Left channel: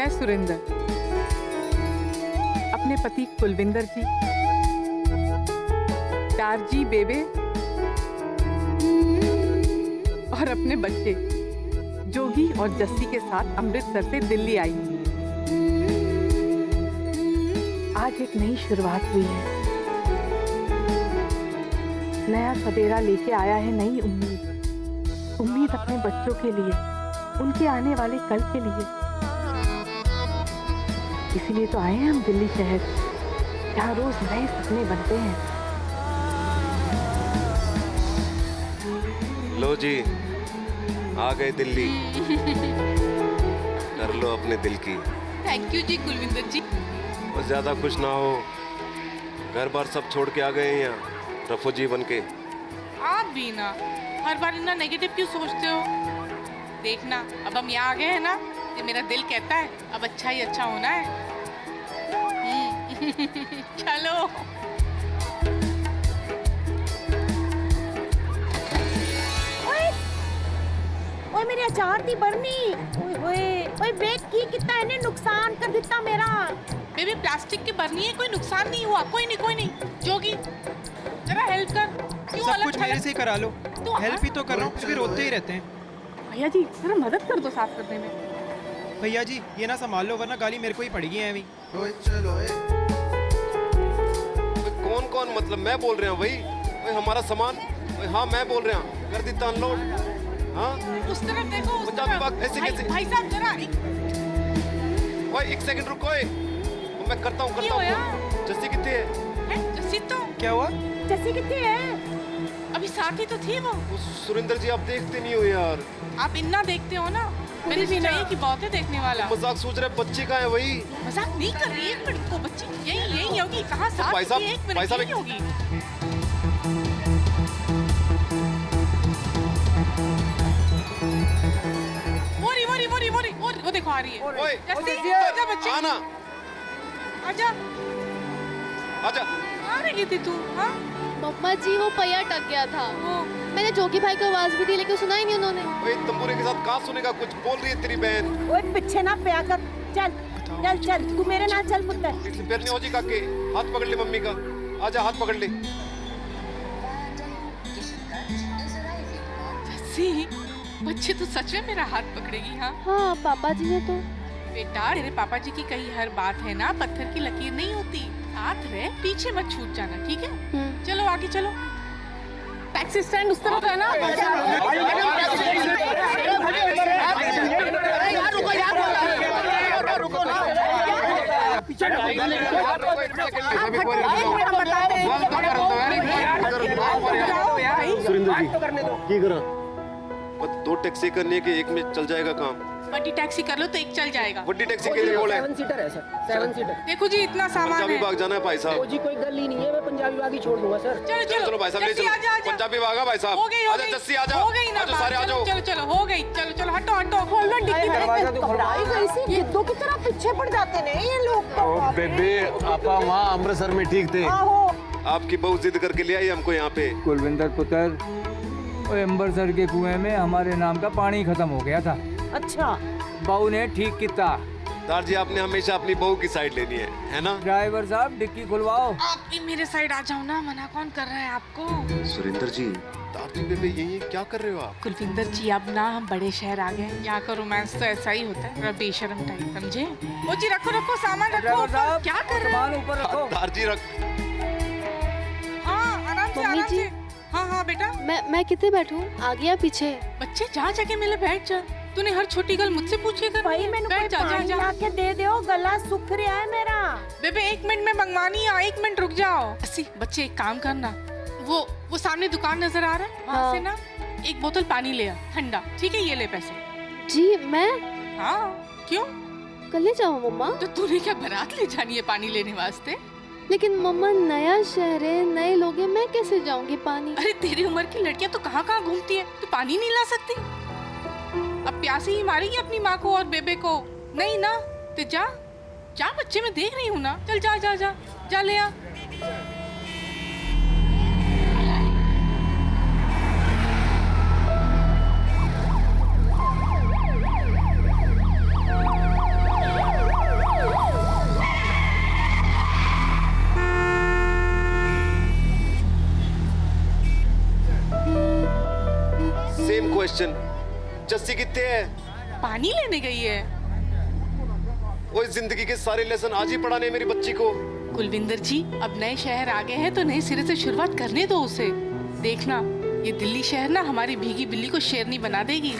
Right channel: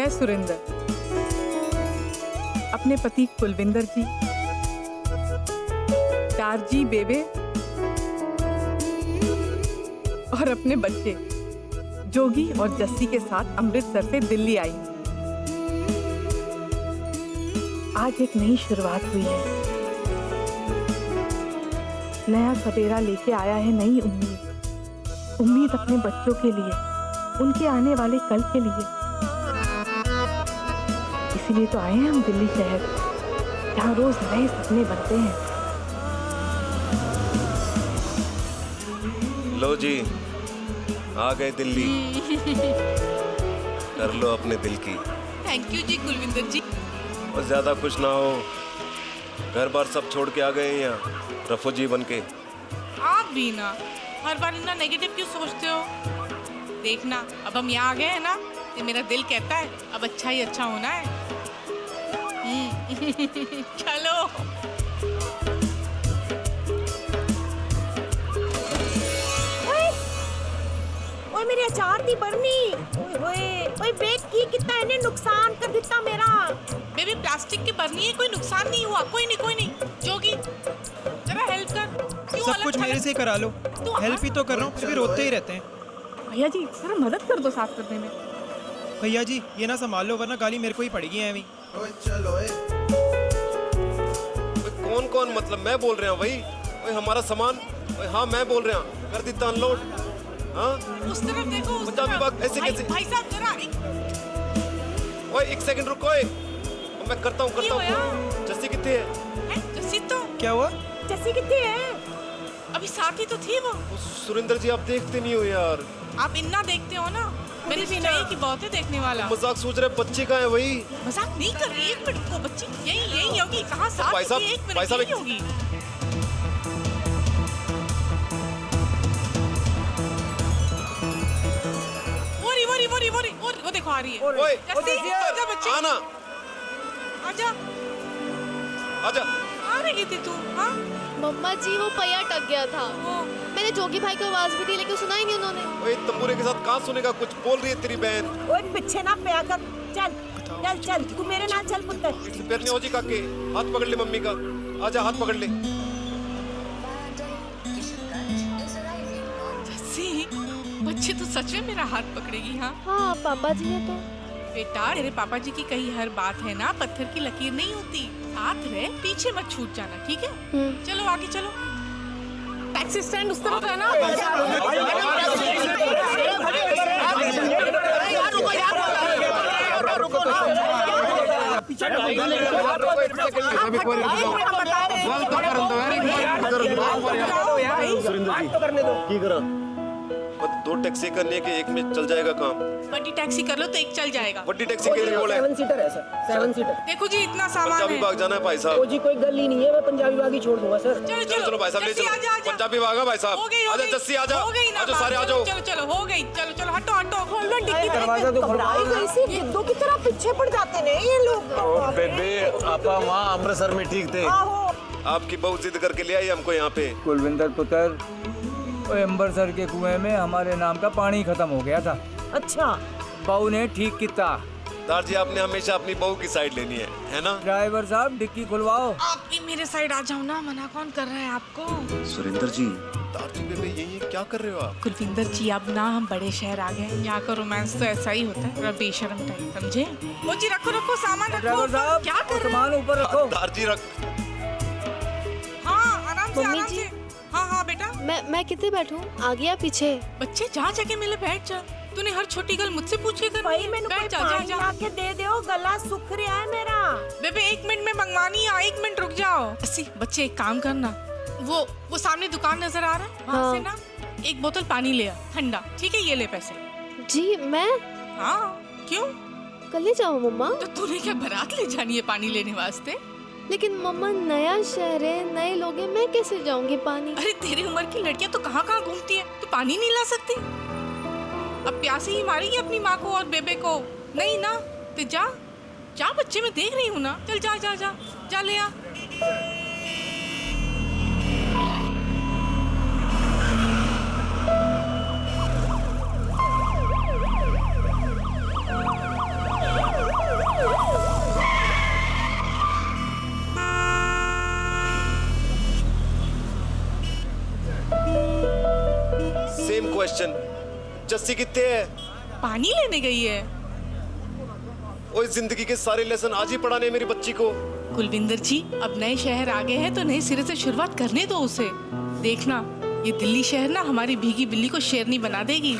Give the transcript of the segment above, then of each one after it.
मैं सुरिंदर अपने पति कुलविंदर जी, टारजी बेबे और अपने बच्चे जोगी और जस्सी के साथ अमृतसर से दिल्ली आई हूँ। आज एक नई शुरुआत हुई है, नया सवेरा लेके आया है नई उम्मीद। उम्मीद अपने बच्चों के लिए, उनके आने वाले कल के लिए। इसीलिए तो आए हैं हम दिल्ली शहर, जहाँ रोज नए सपने बनते हैं। लो जी, आ गए दिल्ली। कर लो अपने दिल की। थैंक यू जी कुलविंदर जी। और ज्यादा खुश ना हो, घर बार सब छोड़ के आ गए हैं यहाँ रफूजी बन के। आप भी ना हर बार इतना नेगेटिव क्यों सोचते हो? देखना अब हम यहाँ आ गए हैं ना, तो मेरा दिल कहता है अब अच्छा ही अच्छा होना है। चलो। ओए मेरी अचार दी बरनी। ओए बेक की कितना इन्हें नुकसान कर दिता मेरा। बेबी प्लास्टिक की बरनी है, कोई नुकसान नहीं हुआ। कोई नहीं। जोगी जरा हेल्प कर। क्यों सब अलग कुछ मेरे से करा लो। तो हेल्प ही तो कर रहा हूँ, फिर भी रोते ही रहते हैं। भैया जी जरा मदद कर दो साफ करने में। भैया जी ये ना संभाल लो, वरना गाली मेरे को ही पड़ेगी ऐवी। कौन मतलब मैं बोल रहा हूँ भाई। ओए हमारा सामान। ओए हाँ मैं बोल रहा हूँ, कर देता अनलोड। हाँ उस तरफ देखो, उस पंजाबी तरफ। बात ऐसे कैसे? भाई साहब जरा ओए एक सेकंड रुको। ओए मैं करता हूँ जस्सी कितनी है? जस्सी तो क्या हुआ? जैसी कितनी है? अभी साथ ही तो थी वो। सुरिंदर जी आप देखते नहीं हो यार। आप इन्ना देखते हो ना, मैंने सोचा ये कि बहुत है देखने वाला। मजाक सोच रहे बच्चे का है वही। मजाक नहीं कर रही, एक मिनट को बच्ची यही होगी। कहाँ साथ भाई साहब, थी, एक भाई मिनट साहब, यही होगी। वो देखो आ रही है। ओए जस्सी आजा बच्ची, आना आजा। आजा। आ रही थी तू? हाँ मम्मा जी वो पहिया टक गया था। वो मैंने जोगी भाई को आवाज भी दी लेकिन सुना ही नहीं उन्होंने। ओए तंबूरे के साथ कहाँ सुनेगा, कुछ बोल रही है तेरी बहन। ओए पीछे ना पे कर। चल तू मेरे नाल चल पुत्र। पैर नहीं हो जी काके, हाथ पकड़ ले मम्मी का। आजा हाथ पकड़ ले। जस्सी बच्चे तो सच में मेरा हाथ पकड़ेगी। हाँ हाँ पापा जी ने तो। बेटा तेरे पापा जी की कही हर बात है ना, पत्थर की लकीर नहीं होती। साथ रहे, पीछे मत छूट जाना, ठीक है? चलो आगे चलो। टैक्सी स्टैंड उस तरफ है ना? सुरिंदर जी की करा? दो टैक्सी करने के एक में चल जाएगा काम। बड़ी टैक्सी कर लो तो एक चल जाएगा। बड़ी टैक्सी के लिए बोले 7 सीटर है सर, 7 सीटर। देखो जी इतना सामान पंजाबी है। बाग जाना है भाई ओ साहब। जी कोई गल ही नहीं है, मैं पंजाबी बाग ही छोड़ दूंगा सर। चलो भाई साहब ले जस्सी, चलो। आजा, आजा। पंजाबी बाग है भाई साहब। हो गई आजा जस्सी आजा। हो गई ना आजा बात। सारे आ जाओ। चलो हो गई। चलो हटो खोल लो डिक्की। घबराई गई सी, गिद्धों की तरह पीछे पड़ जाते ने ये लोग तो। बेबे आपा वहाँ अमृतसर में ठीक थे। आहो आपकी बहू जिद करके ले आई हमको यहाँ पे। कुलविंदर पुत्र, अमृतसर के कुएं में हमारे नाम का पानी खत्म हो गया था। अच्छा बहू ने ठीक किया। दार जी आपने हमेशा अपनी बहू की साइड लेनी है ना? ड्राइवर साहब डिक्की खुलवाओ। आप भी मेरे साइड आ जाओ ना, मना कौन कर रहा है आपको? सुरिंदर जी दार जी बेबे यही क्या कर रहे हो आप? कुलविंदर जी अब ना हम बड़े शहर आ गए, यहाँ का रोमांस तो ऐसा ही होता है, थोड़ा बेशर्म टाइप, समझे? ओ जी रखो सामान रखो। ड्राइवर साहब क्या कर रहे सामान ऊपर रखो। दार जी रख। हाँ आराम मम्मी जी। से। हाँ बेटा। मैं कितने बैठूं, आगे या पीछे? बच्चे जहाँ जाके मिले बैठ जा। तूने हर छोटी गल मुझसे पूछ के करनी भाई है। मैंने कोई बैठ जा पानी ला के दे दो, गला सूख रहा है मेरा। बेबे 1 मिनट में मंगवानी है, 1 मिनट रुक जाओ। अस्सी बच्चे एक काम करना, वो सामने दुकान नजर आ रहा है वहाँ हाँ। से ना 1 बोतल पानी ले आ ठंडा, ठीक है? ये ले पैसे। जी मैं हाँ क्यों? कल ले जाऊँ मम्मा? तो तूने क्या बारात ले जानी है पानी लेने वास्ते? लेकिन मम्मा नया शहर है, नए लोग हैं, मैं कैसे जाऊंगी पानी? अरे तेरी उम्र की लड़कियां तो कहाँ कहाँ घूमती है, तू पानी नहीं ला सकती? अब प्यासी ही मारेगी अपनी माँ को और बेबे को? नहीं ना, तो जा बच्चे, मैं देख रही हूँ ना। चल जा ले आ। Same question. जस्सी कितने है? पानी लेने गई है। वो इस जिंदगी के सारे लेसन आज ही पढ़ाने हैं मेरी बच्ची को। कुलविंदर जी, अब नए शहर आ गए हैं तो नए सिरे से शुरुआत करने दो उसे। देखना, ये दिल्ली शहर ना हमारी भीगी बिल्ली को शेरनी बना देगी।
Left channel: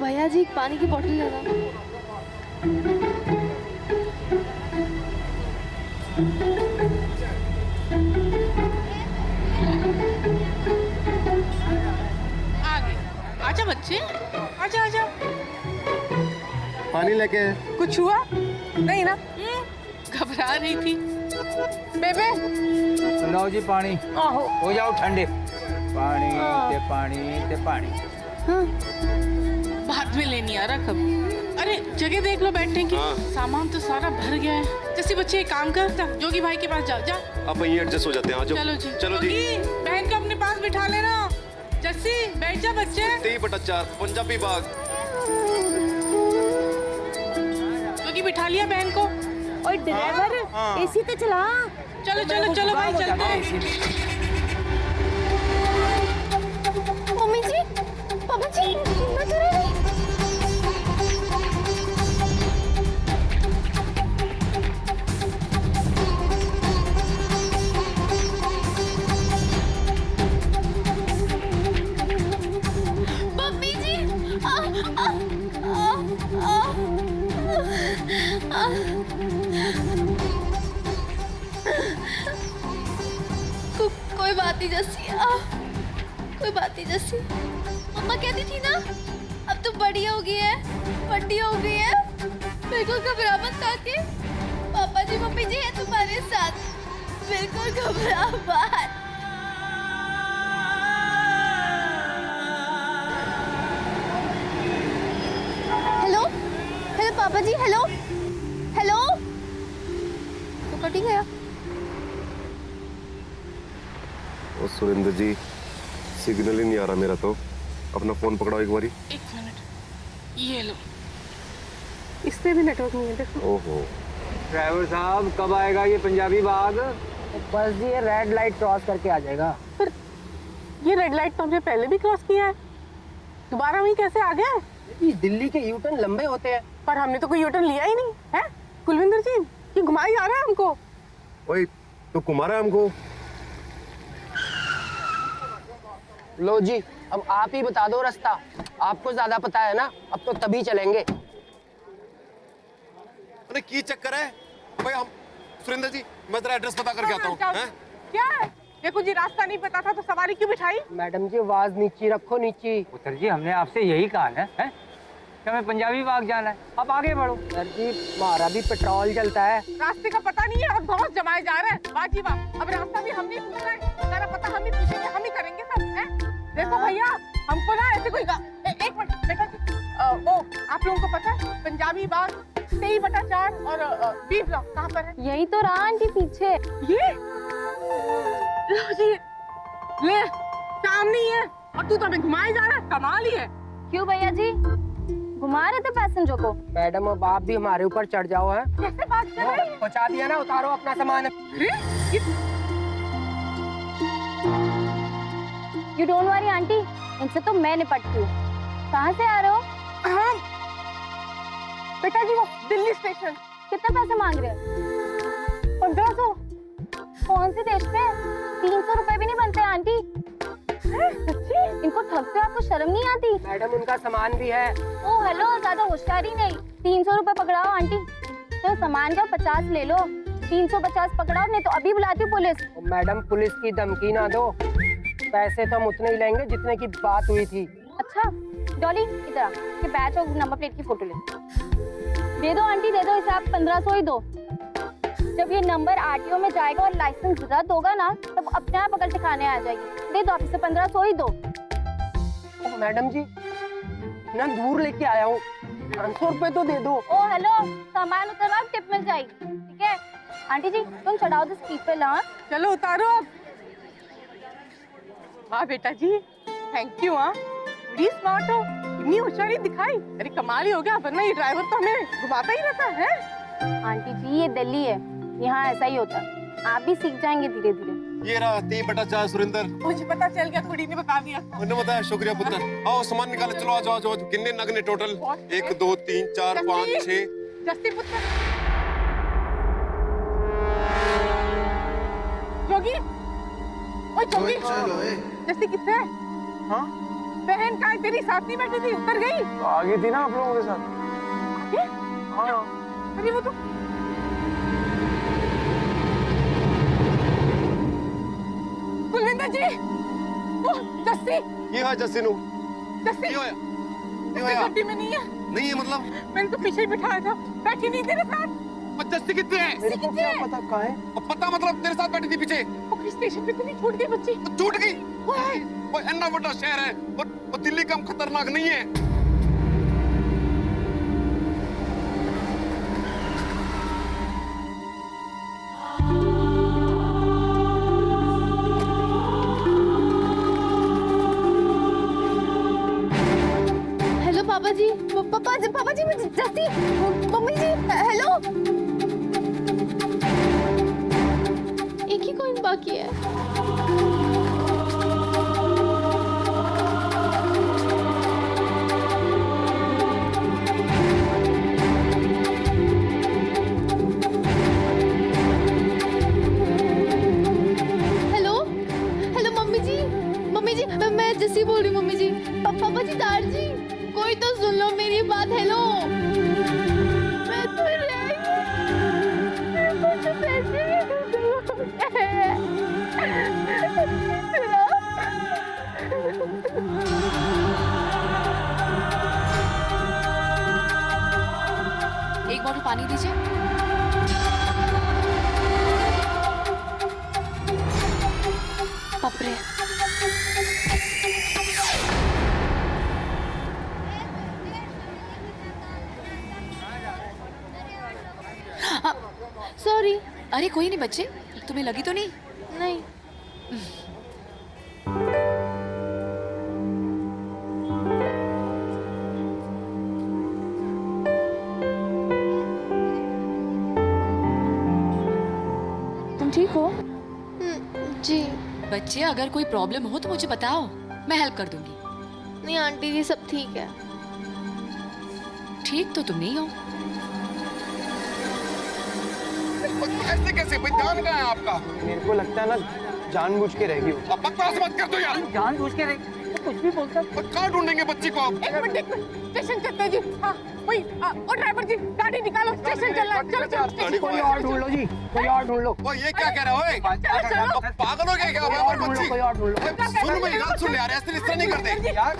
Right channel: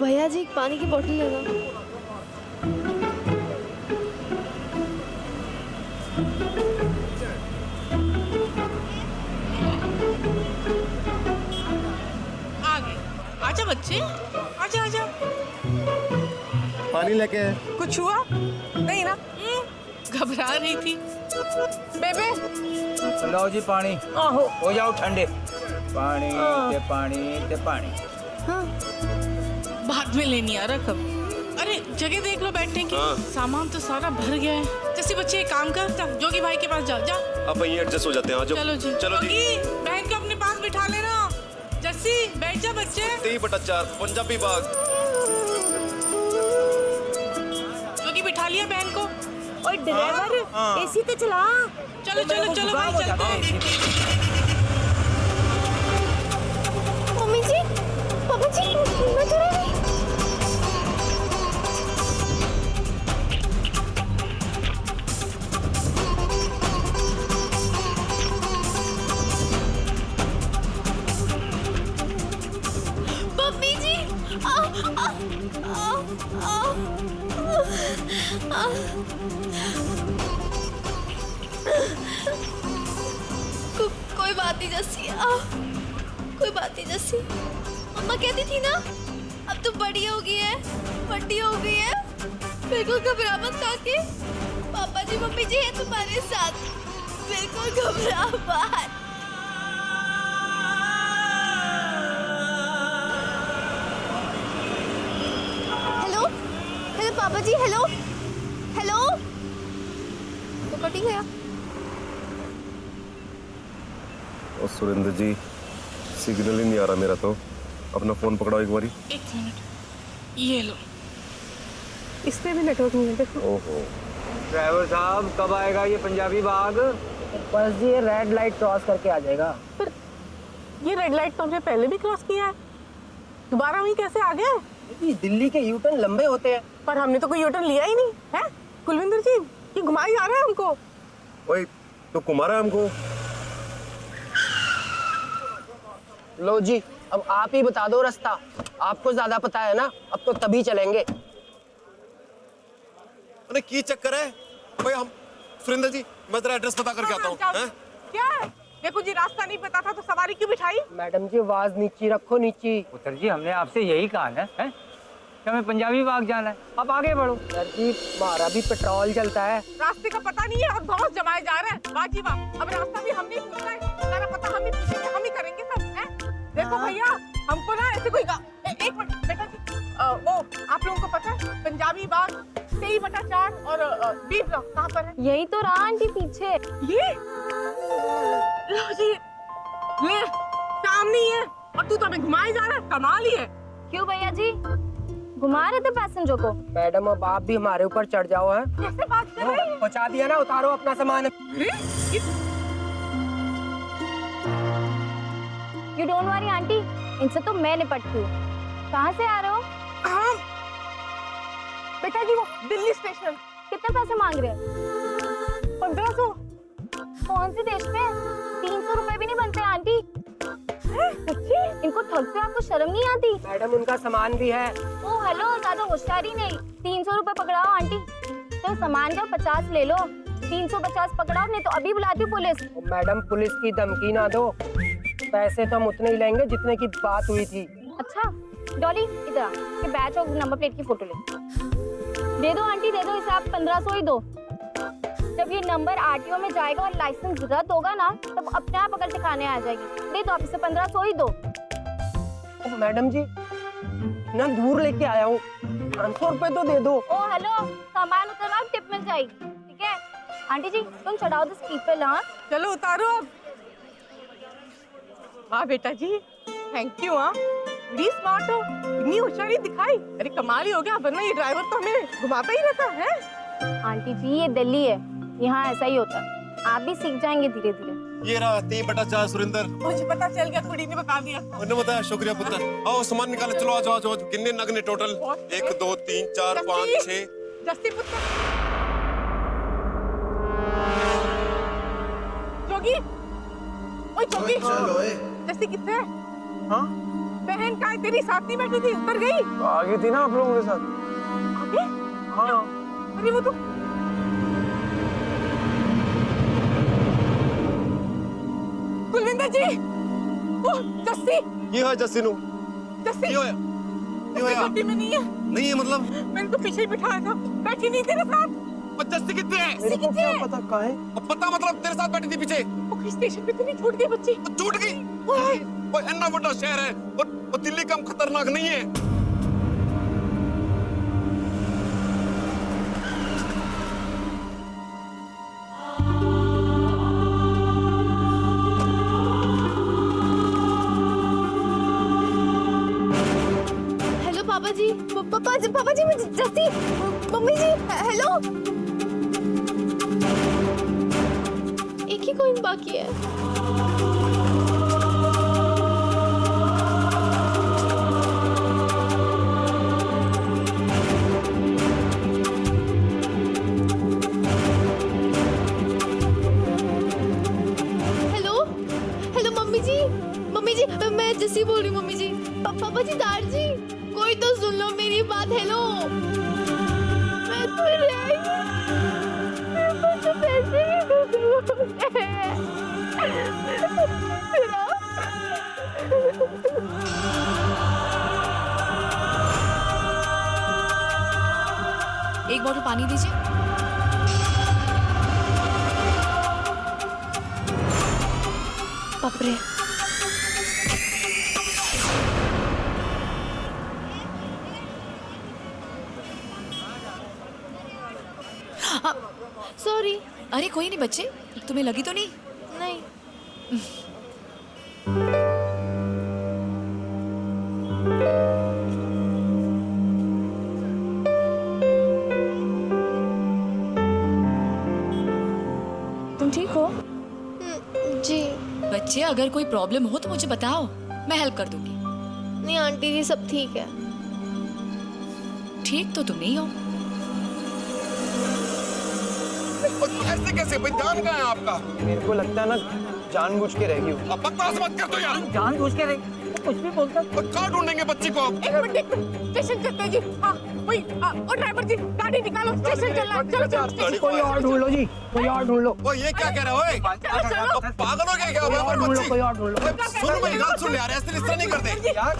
भैया जी, एक पानी की बोतल लेना। आ गए। आजा बच्चे, आजा आजा। पानी लेके कुछ हुआ नहीं ना? घबरा रही थी। बेबे लो जी पानी, आहो हो जाओ ठंडे। पानी ते पानी ते पानी। हाँ, बाद में लेनी आ रहा कब। अरे जगह देख लो बैठने की। हाँ। सामान तो सारा भर गया है। जैसे बच्चे एक काम कर, जा जोगी भाई के पास जा जा। अब वहीं एडजस्ट हो जाते हैं। आ जाओ। चलो जी, चलो जी। जोगी, बहन को अपने पास बिठा लेना। जस्सी बैठ जा बच्चे। 23/4 पंजाबी बाग। जोगी बिठा लिया बहन को। ओए ड्राइवर, एसी तो चला। चलो चलो चलो भाई, चलते हैं। मम्मी जी, पापा जी, मैं तो रही। मम्मी जी, कोई बात नहीं जस्सी, कोई बात नहीं जस्सी। मम्मा कहती थी ना, अब तो बड़ी हो गई है, बड़ी हो गई है। बिल्कुल घबरा मत काके, पापा जी मम्मी जी है तुम्हारे साथ, बिल्कुल घबरा मत। हेलो हेलो पापा जी, हेलो हेलो। तो कट ही गया। ओ सुरेंद्र जी, सिग्नल ही नहीं आ रहा मेरा तो। अपना फोन पकड़ाओ एक बारी। 1 मिनट, ये लो। इसमें भी नेटवर्क नहीं है, देखो। ओहो। ड्राइवर साहब, कब आएगा ये पंजाबी बाग? बस जी ये रेड लाइट क्रॉस करके आ जाएगा। पर ये रेड लाइट तो हमने पहले भी क्रॉस किया है, दोबारा वहीं कैसे आ गया? ये दिल्ली के यू टर्न लंबे होते हैं। पर हमने तो कोई यूटर्न लिया ही नहीं है। कुलविंदर जी, ये घुमाई जा रहा है हमको। ओए, तो कुमारा हमको। लो जी, अब आप ही बता दो रास्ता, आपको ज्यादा पता है ना। अब तो तभी चलेंगे। अरे की चक्कर है भाई? हम सुरेंद्र जी, मैं तेरा एड्रेस पता करके आता हूँ। हैं? क्या है? देखो जी, रास्ता नहीं पता था तो सवारी क्यों बिठाई? मैडम जी आवाज नीची रखो, नीची। पुत्र जी, हमने आपसे यही कहा है, हैं? कि हमें पंजाबी बाग जाना है। आप आगे बढ़ो। सर जी, हमारा भी पेट्रोल चलता है। रास्ते का पता नहीं है और बहुत जमाए जा रहा है। वाह जी वाह, अब रास्ता भी हम नहीं पूछना है, सारा पता हम ही पूछेंगे, हम ही करेंगे सब। हैं? देखो भैया, हमको ना ऐसे कोई एक मिनट बेटा जी, वो आप लोगों को पता है पंजाबी बाग 23/4 और बी ब्लॉक कहाँ पर है? यही तो रहा आंटी पीछे। ये लो जी, ले सामने ही है और तू तो हमें घुमाए जा रहा है। कमाल ही है। क्यों भैया जी, घुमा रहे थे पैसेंजर को? मैडम अब आप भी हमारे ऊपर चढ़ जाओ। है कैसे बात कर रही है? पहुंचा दिया ना, उतारो अपना सामान। अरे ये यू डोंट वरी आंटी, इनसे तो मैं निपटती हूँ। कहाँ से आ रहे हो? हाँ बेटा जी, वो दिल्ली स्टेशन। कितने पैसे मांग रहे हैं? 1500। कौन से देश में? 300 रुपए भी नहीं बनते आंटी। सच्ची? इनको ठगते हो, आपको शर्म नहीं आती? मैडम उनका सामान भी है। ओ हेलो, ज्यादा होशियारी नहीं। 300 रुपए पकड़ाओ आंटी। तो सामान का 50 ले लो, 350 पकड़ाओ, नहीं तो अभी बुलाती हूँ पुलिस। मैडम पुलिस की धमकी ना दो, पैसे तो हम उतने ही लेंगे जितने की बात हुई थी। अच्छा डॉली, इधर आ, ये बैच और नंबर प्लेट की फोटो ले। दे दो आंटी, दे दो, इसे आप 1500 ही दो। जब ये नंबर आरटीओ में जाएगा और लाइसेंस रद्द होगा ना, तब अपने आप अकल ठिकाने आ जाएगी। दे दो, आप इसे 1500 ही दो। मैडम जी, ना दूर लेके आया हूँ, 500 रुपए तो दे दो। ओ हेलो, सामान उतरवाओ, टिप मिल जाएगी, ठीक है? आंटी जी तुम चढ़ाओ दिस पीपल। हाँ चलो उतारो अब। वाह बेटा जी, थैंक यू। हाँ बड़ी स्मार्ट हो, इतनी होशियारी दिखाई। अरे कमाल ही हो गया, वरना ये ड्राइवर तो हमें घुमाता ही रहता है। आंटी जी, ये दिल्ली है, यहाँ ऐसा ही होता है। आप भी सीख जाएंगे धीरे धीरे। ये रहा 3/4 सुरेंद्र। मुझे पता चल गया, कुड़ी ने बता दिया। उन्होंने बताया, शुक्रिया पुत्र। आओ सामान निकाले, चलो आ जाओ, आ जाओ। कितने नग ने टोटल? 1 2 3 4 5 6। जस्सी पुत्र, जोगी, ओए जोगी, जस्सी कितने है? हाँ बहन कहाँ है तेरी? साथ नहीं बैठी थी, उतर गई? आ गई थी ना आप लोगों के साथ। आगे? हाँ अरे वो तो कुलविंदर जी, वो जस्सी, ये है जस्सी नु। जस्सी ये होया, ये होया। गड्डी में नहीं है। नहीं है मतलब? मैंने तो पीछे ही बिठाया था, बैठी नहीं तेरे साथ। और जस्सी कितने है? मेरे को क्या पता कहाँ है। और पता मतलब तेरे साथ बैठी थी पीछे? वो स्टेशन पे तो नहीं छूट गई बच्ची? तो छूट गई। ओए इतना बड़ा शहर है और दिल्ली कम खतरनाक नहीं है। हेलो पापा जी, पापा जी, मैं जस्सी, मम्मी जी, हेलो। एक ही कॉइन बाकी है। हेलो हेलो मम्मी जी, मैं जस्सी बोल रही हूँ मम्मी जी। पापा जी, दार जी, कोई तो सुन लो मेरी बात। हेलो, मैं तो रह गई, मेरे पास तो पैसे भी एक बॉटल पानी दीजिए। बाप रे, सॉरी। अरे कोई नहीं बच्चे, तुम्हें लगी तो नहीं? नहीं, तुम ठीक हो? जी बच्चे अगर कोई प्रॉब्लम हो तो मुझे बताओ, मैं हेल्प कर दूंगी। नहीं आंटी जी, सब ठीक है। ठीक तो तुम नहीं हो। ऐसे कैसे भाई, जान कहाँ है आपका? मेरे को लगता है ना जानबूझ के रह गई हो। अब बकवास मत कर दो यार। जानबूझ के रहे तो कुछ भी बोलता। और कहाँ ढूंढेंगे बच्ची को अब? एक मिनट, स्टेशन चलते हैं जी। हाँ वही, ओ ड्राइवर जी, गाड़ी निकालो, स्टेशन चलना है। चलो चलो स्टेशन। कोई और ढूंढ लो जी, कोई और ढूंढ लो। ओ ये क्या कह रहा है? ओए अब पागल हो गया क्या? कोई और ढूंढ लो, कोई और ढूंढ लो। ओए, सुन मेरी गल सुन यार, ऐसे इस तरह नहीं करते।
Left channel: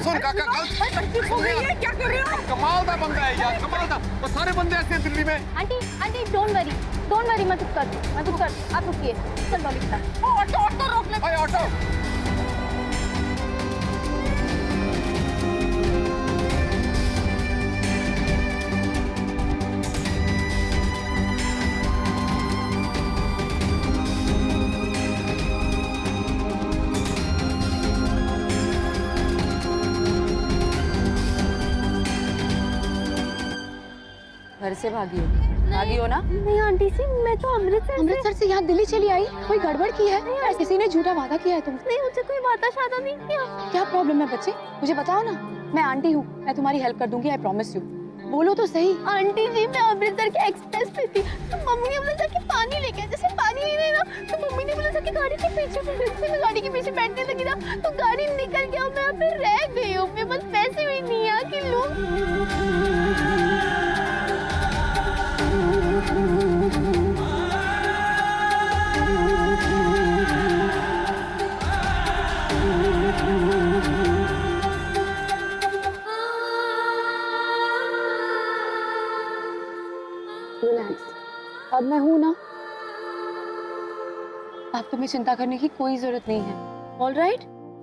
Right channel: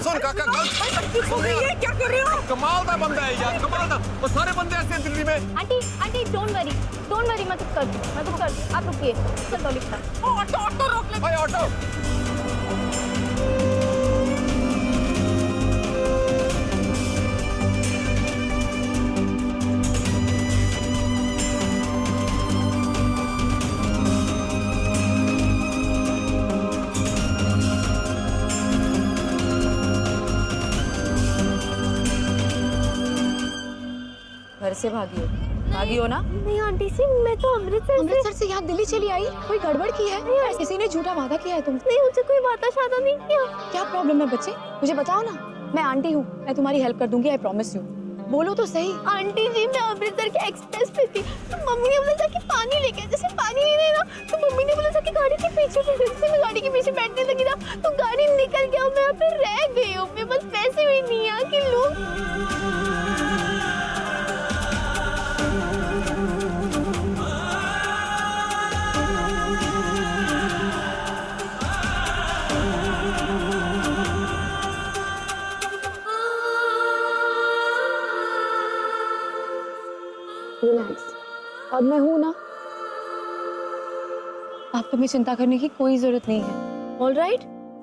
सुन काका, गल बच्ची सो गई है, क्या कर रहे हो? कमाल का बंदा है यार, कमाल का। वो सारे बंदे ऐसे हैं दिल्ली में। आंटी डोंट वरी, मैं कुछ करती हूँ, आप रुकिए। चल डॉली बेटा। ओ ऑटो रोक ले। ओए ऑटो। घर से भागी हो ना? नहीं आंटी जी, मैं तो अमृतसर से यहाँ दिल्ली चली आई। कोई गड़बड़ की है? किसी ने झूठा वादा किया है तुमसे? नहीं, मुझे कोई वादा शादा नहीं किया। क्या प्रॉब्लम है बच्चे, मुझे बताओ ना। मैं आंटी हूँ, मैं तुम्हारी हेल्प कर दूंगी, आई प्रॉमिस यू। बोलो तो सही। आंटी जी, मैं अमृतसर के एक्सप्रेस पे थी, तो मम्मी ने बोला था कि पानी लेके आ। जैसे पानी नहीं देना, तो मम्मी ने बोला था कि गाड़ी के पीछे बैठ। मैं गाड़ी के पीछे बैठने लगी ना, तो गाड़ी निकल गया, मैं यहाँ पे रह गई हूँ। मेरे पास पैसे भी नहीं है कि लोग। रिलैक्स, अब मैं हूं ना। अब तुम्हें चिंता करने की कोई जरूरत नहीं है। ऑल राइट,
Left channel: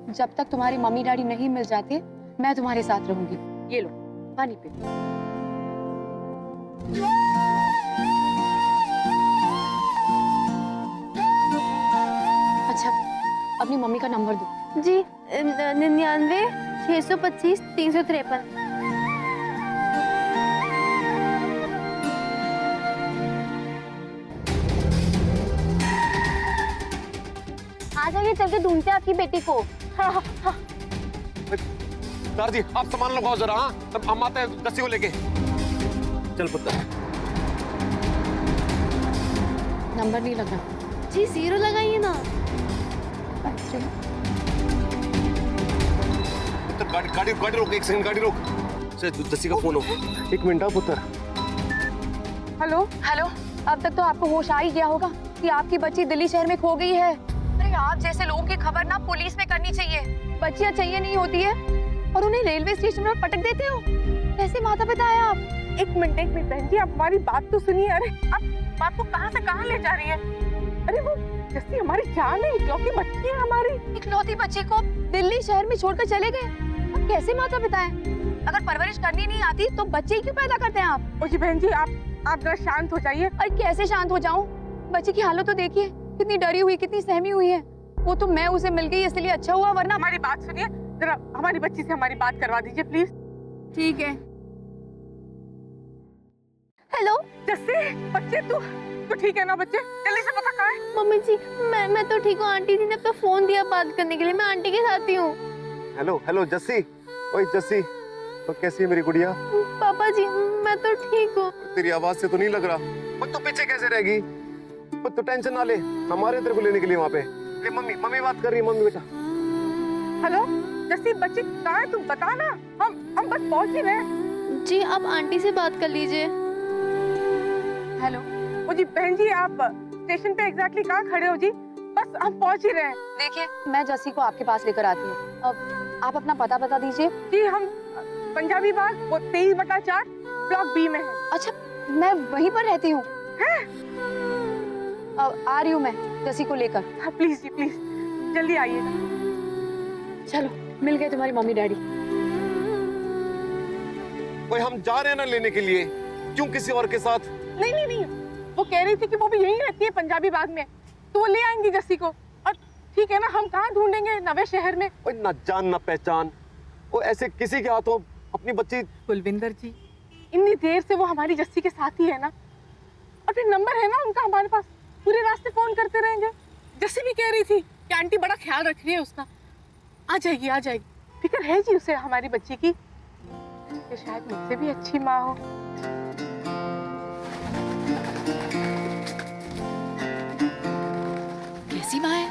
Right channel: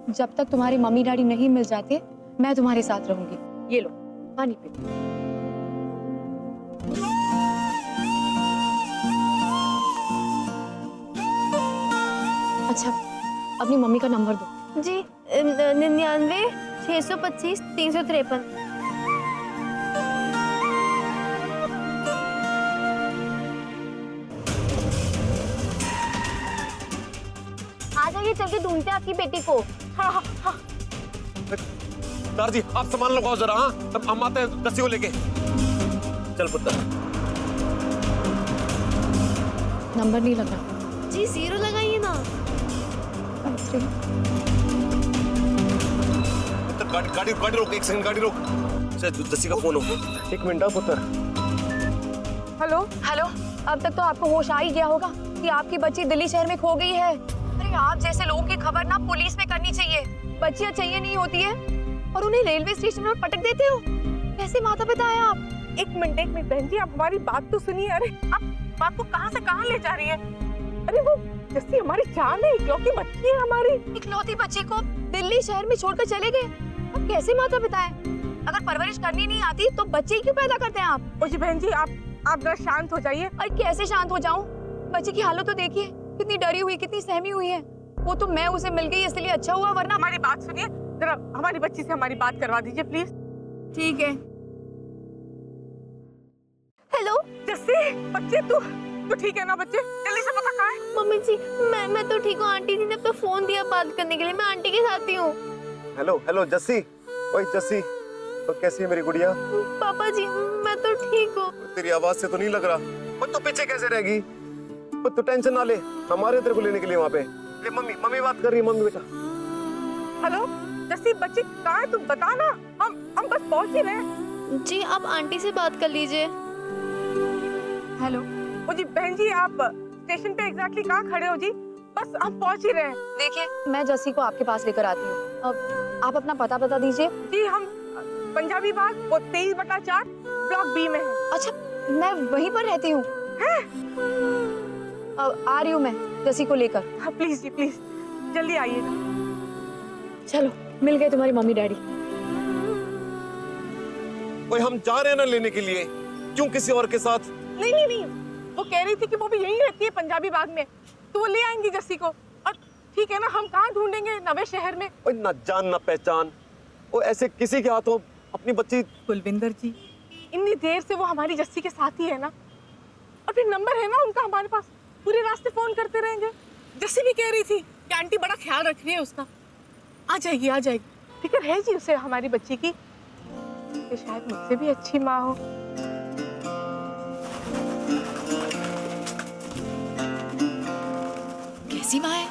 जब तक तुम्हारे मम्मी डैडी नहीं मिल जाते, मैं तुम्हारे साथ रहूंगी। ये लो पानी पी। अच्छा, अपनी मम्मी का नंबर दो। जी 99 625 353। जाइए, चल के ढूंढते हैं आपकी बेटी को। हाँ हाँ हाँ। सर जी आप सामान लगाओ जरा। हाँ तब हम आते हैं जस्सी को लेके। चल पुत्र। नंबर नहीं लग रहा। जी 0 लगाइए ना। पुत्र गाड़ी गाड़ी रोक, 1 सेकंड गाड़ी रोक। जस्सी का फोन हो। 1 मिनट पुत्र। हेलो हेलो, अब तक तो आपको होश आ ही गया होगा कि आपकी बच्ची दिल्ली शहर में खो गई है। अरे आप जैसे लोगों की खबर ना पुलिस में करनी चाहिए। बच्चियां चाहिए नहीं होती है और उन्हें रेलवे स्टेशन पर पटक देते हो। कैसे माता पिता है आप? एक मिनट बहन जी, आप हमारी बात तो सुनिए। अरे आप बात को कहाँ से कहाँ ले जा रही है? अरे वो जस्सी हमारी जान है, इकलौती बच्ची है हमारी। इकलौती बच्ची को दिल्ली शहर में छोड़कर चले गए। अब कैसे माता पिता है? अगर परवरिश करनी नहीं आती तो बच्चे क्यों पैदा करते हैं आप? ओ जी बहन जी, आप जरा शांत हो जाइए। अरे कैसे शांत हो जाऊं? बच्ची की हालत तो देखिए, कितनी डरी हुई, कितनी सहमी हुई है। वो तो मैं उसे मिल गई इसलिए अच्छा हुआ, वरना। हमारी बात सुनिए जरा, हमारी बच्ची से हमारी बात करवा दीजिए प्लीज। ठीक है। हेलो जस्सी, बच्चे तू ठीक है ना? बच्चे जल्दी से बता कहाँ है? मम्मी जी, मैं तो ठीक हूँ। आंटी जी ने तो फोन दिया बात करने के लिए, मैं आंटी के साथ ही हूँ। Hello hello Jassi. ओए जस्सी, तो कैसी है मेरी गुड़िया? पापा जी मैं तो ठीक हूँ। तेरी आवाज से तो नहीं लग रहा। और तू पीछे कैसे रहेगी? तू टेंशन ना ले, हमारे तेरे को लेने के लिए वहाँ पे। ले मम्मी बात कर रही है। मम्मी बेटा। हेलो जस्सी, बच्चे कहाँ है? तुम बता ना, हम बस पहुँच ही रहे हैं। जी आप आंटी से बात कर लीजिए। हेलो। ओ जी बहन जी, आप स्टेशन पे एग्जैक्टली कहाँ खड़े हो जी? बस हम पहुँच ही रहे हैं। देखिए मैं जस्सी को आपके पास लेकर आती हूँ। अब आप अपना पता बता दीजिए। जी हम पंजाबी बाग, वो 23/4 ब्लॉक बी में है। अच्छा मैं वहीं पर रहती हूँ। अब आ रही हूँ मैं जस्सी को लेकर। हाँ प्लीज जी प्लीज, जल्दी आइएगा। चलो मिल गए तुम्हारी मम्मी डैडी। ओए हम जा रहे हैं ना लेने के लिए, क्यों किसी और के साथ? नहीं, वो कह रही थी कि वो भी यहीं रहती है पंजाबी बाग में, तो वो ले आएंगी जस्सी को। और ठीक है ना, हम कहाँ ढूंढेंगे नवे शहर में? ओए ना जान ना पहचान, वो ऐसे किसी के हाथों अपनी बच्ची। कुलविंदर जी, इतनी देर से वो हमारी जस्सी के साथ ही है ना, और फिर नंबर है ना उनका हमारे पास, पूरे रास्ते फोन करते रहेंगे। जस्सी भी कह रही थी कि आंटी बड़ा ख्याल रख रही है उसका। आ जाएगी, फिक्र है जी उसे हमारी बच्ची की। ये शायद मुझसे भी अच्छी माँ हो। कैसी माँ है?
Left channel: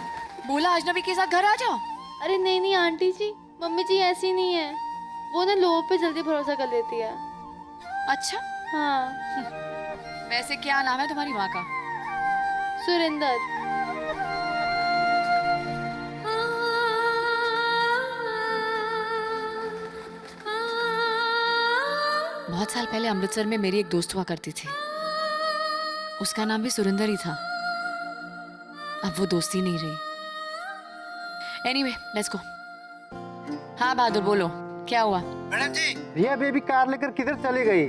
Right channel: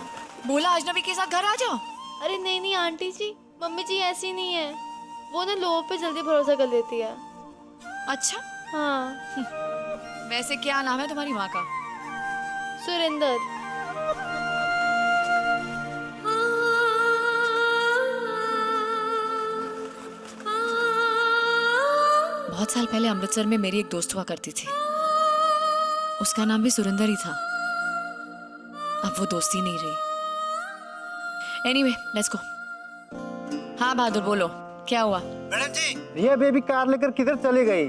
बोला अजनबी के साथ घर आ जाओ। अरे नहीं आंटी जी, मम्मी जी ऐसी नहीं है। वो ना लोगों पे जल्दी भरोसा कर लेती है। अच्छा हाँ। वैसे क्या नाम है तुम्हारी माँ का? सुरेंदर। बहुत साल पहले अमृतसर में मेरी एक दोस्त हुआ करती थी, उसका नाम भी सुरेंदर ही था। अब वो दोस्ती नहीं रही। Anyway let's go. हाँ बहादुर बोलो, क्या हुआ? मैडम जी, रिया बेबी कार लेकर किधर चली गई?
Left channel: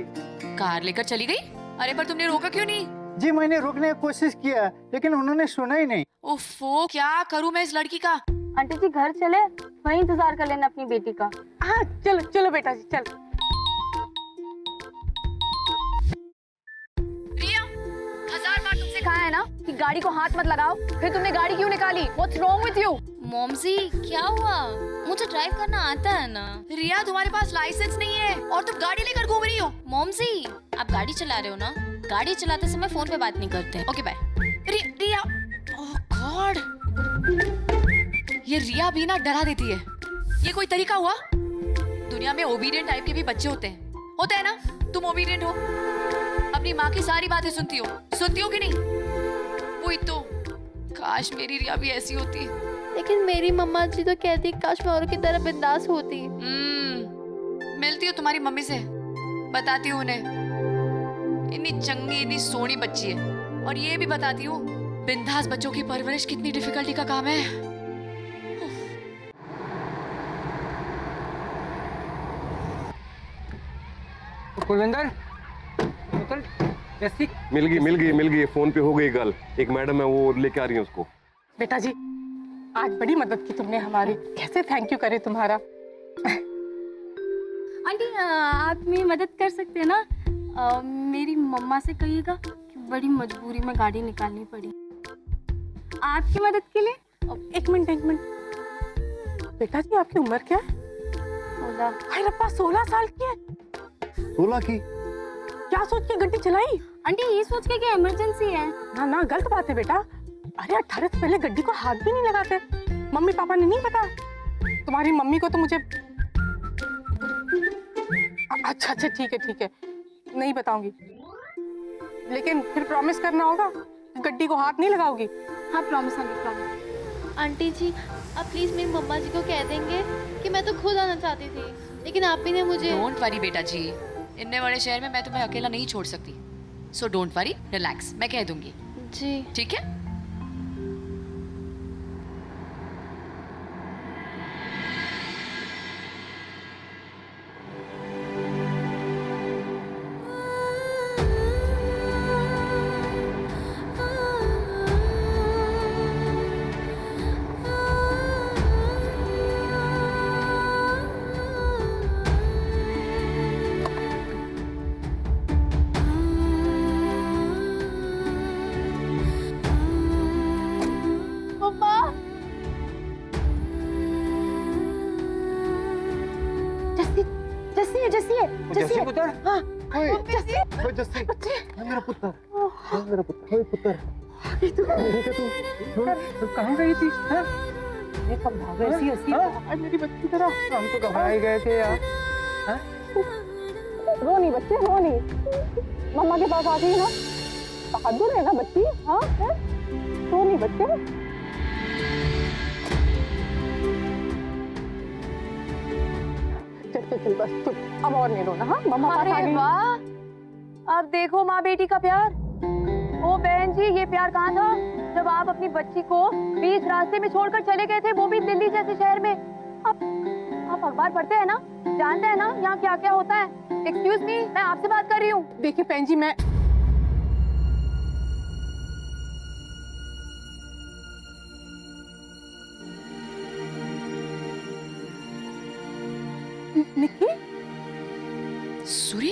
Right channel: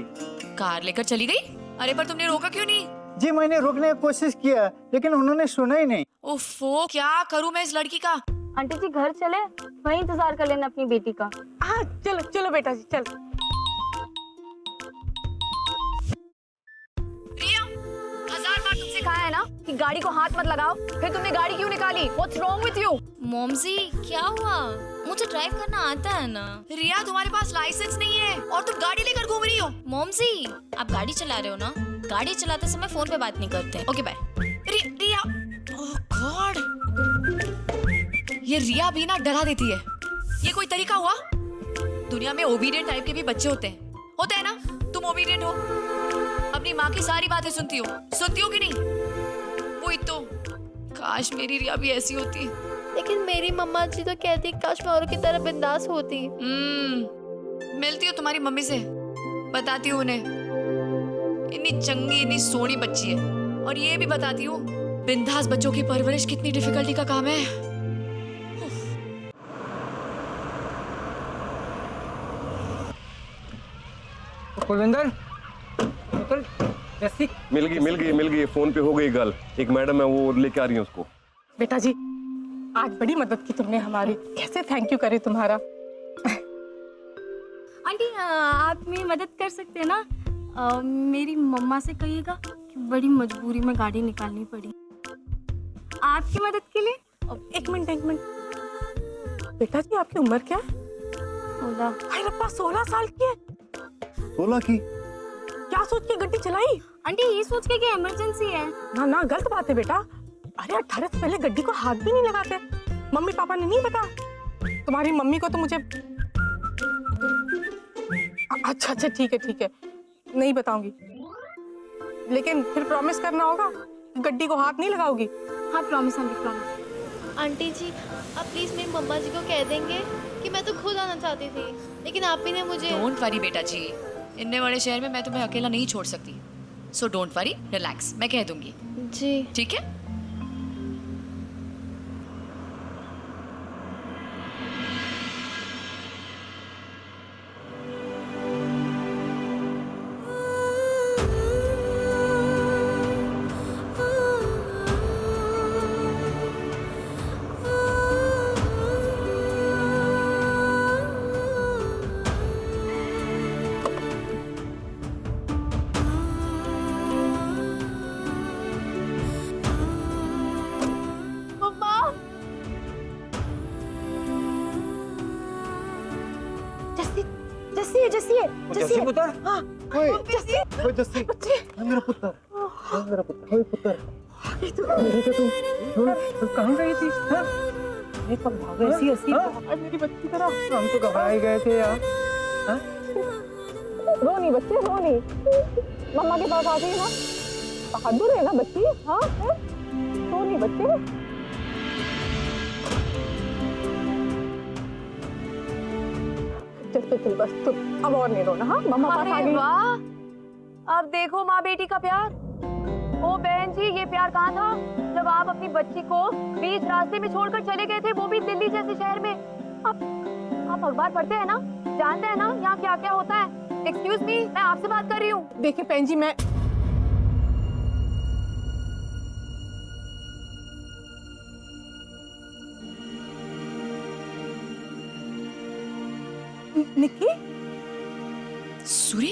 कार लेकर चली गई? अरे पर तुमने रोका क्यों नहीं? जी मैंने रोकने की कोशिश किया लेकिन उन्होंने सुना ही नहीं। ओफो, क्या करूं मैं इस लड़की का? आंटी जी घर चले, वहीं इंतजार कर लेना अपनी बेटी का। हाँ चलो बेटा जी चल। रिया, 1000 बार तुमसे कहा है ना कि गाड़ी को हाथ मत लगाओ, फिर तुमने गाड़ी क्यों निकाली? What's wrong with you? मॉमसी क्या हुआ? मुझे ड्राइव करना आता है ना। रिया तुम्हारे पास लाइसेंस नहीं है और तुम गाड़ी लेकर घूम रही हो। मॉमसी आप गाड़ी चला रहे हो ना? गाड़ी चलाते समय फोन पे बात नहीं करते। Okay bye. Riya, oh God, ये रिया भी ना डरा देती है। ये कोई तरीका हुआ? दुनिया में ओबीडियंट टाइप के भी बच्चे होते हैं ना? तुम ओबीडियंट हो, अपनी माँ की सारी बातें सुनती हो कि नहीं? वही तो, काश मेरी रिया भी ऐसी होती। लेकिन मेरी मम्मा जी तो कहती काश मैं औरों की तरह बिंदास होती। मिलती हो तुम्हारी मम्मी से, बताती हूँ उन्हें इतनी चंगी इतनी सोनी बच्ची है, और ये भी बताती हूँ बिंदास बच्चों की परवरिश कितनी डिफिकल्टी का काम है। कुलविंदर, जस्सी मिल गई, फोन पे हो गई गल। एक मैडम है वो लेके आ रही है उसको। बेटा जी आज बड़ी मदद की तुमने हमारी, कैसे थैंक यू करे तुम्हारा। आंटी आप मेरी मदद कर सकते हैं ना? मेरी मम्मा से कहिएगा कि बड़ी मजबूरी में गाड़ी निकालनी पड़ी। आपकी मदद के लिए एक मिनट बेटा जी आपकी उम्र क्या है? 16। हाय रब्बा 16 साल की है। 16 की? क्या सोच के गड्डी चलाई? आंटी ये सोच के कि इमरजेंसी है। ना ना गलत बात है बेटा। अरे 18 से पहले गड्डी को हाथ भी नहीं लगाते। मम्मी पापा ने नहीं पता? तुम्हारी मम्मी को तो मुझे अच्छा ठीक है नहीं बताऊंगी, लेकिन फिर प्रॉमिस करना होगा गड्डी को हाथ नहीं लगाओगी। हाँ प्रॉमिस आंटी प्रॉमिस। आंटी जी आप प्लीज मेरी मम्मा जी को कह देंगे कि मैं तो खुद आना चाहती थी, लेकिन आप ही ने मुझे। डोंट वरी बेटा जी, इतने बड़े शहर में मैं तुम्हें अकेला नहीं छोड़ सकती। सो डोंट वरी, रिलैक्स, मैं कह दूंगी। जी ठीक है। मम्मा जस्सी पुत्र। हाँ ओए जस्सी, है मेरा पुत्र, है मेरा पुत्र, ओए पुत्र। कहाँ गई थी? ये कब भाग गई? ऐसी मेरी बच्ची तरह। हम तो घबराए गए थे यार। रो नहीं बच्चे, रो नहीं। मम्मा के पास आ गई ना, बहादुर है ना बच्ची। हाँ रो नहीं बच्चे। चल बस चुप, अब और नहीं रोना। हाँ मम्मा पास आ गई। वाह, अब देखो माँ बेटी का प्यार। ओ बहन जी, ये प्यार कहाँ था जब आप अपनी बच्ची को बीच रास्ते में छोड़कर चले गए थे, वो भी दिल्ली जैसे शहर में। आप अखबार पढ़ते हैं ना, जानते हैं ना यहाँ क्या क्या होता है। एक्सक्यूज मी, मैं आपसे बात कर रही हूँ। देखिए बहन जी, मैं निक्की सूरी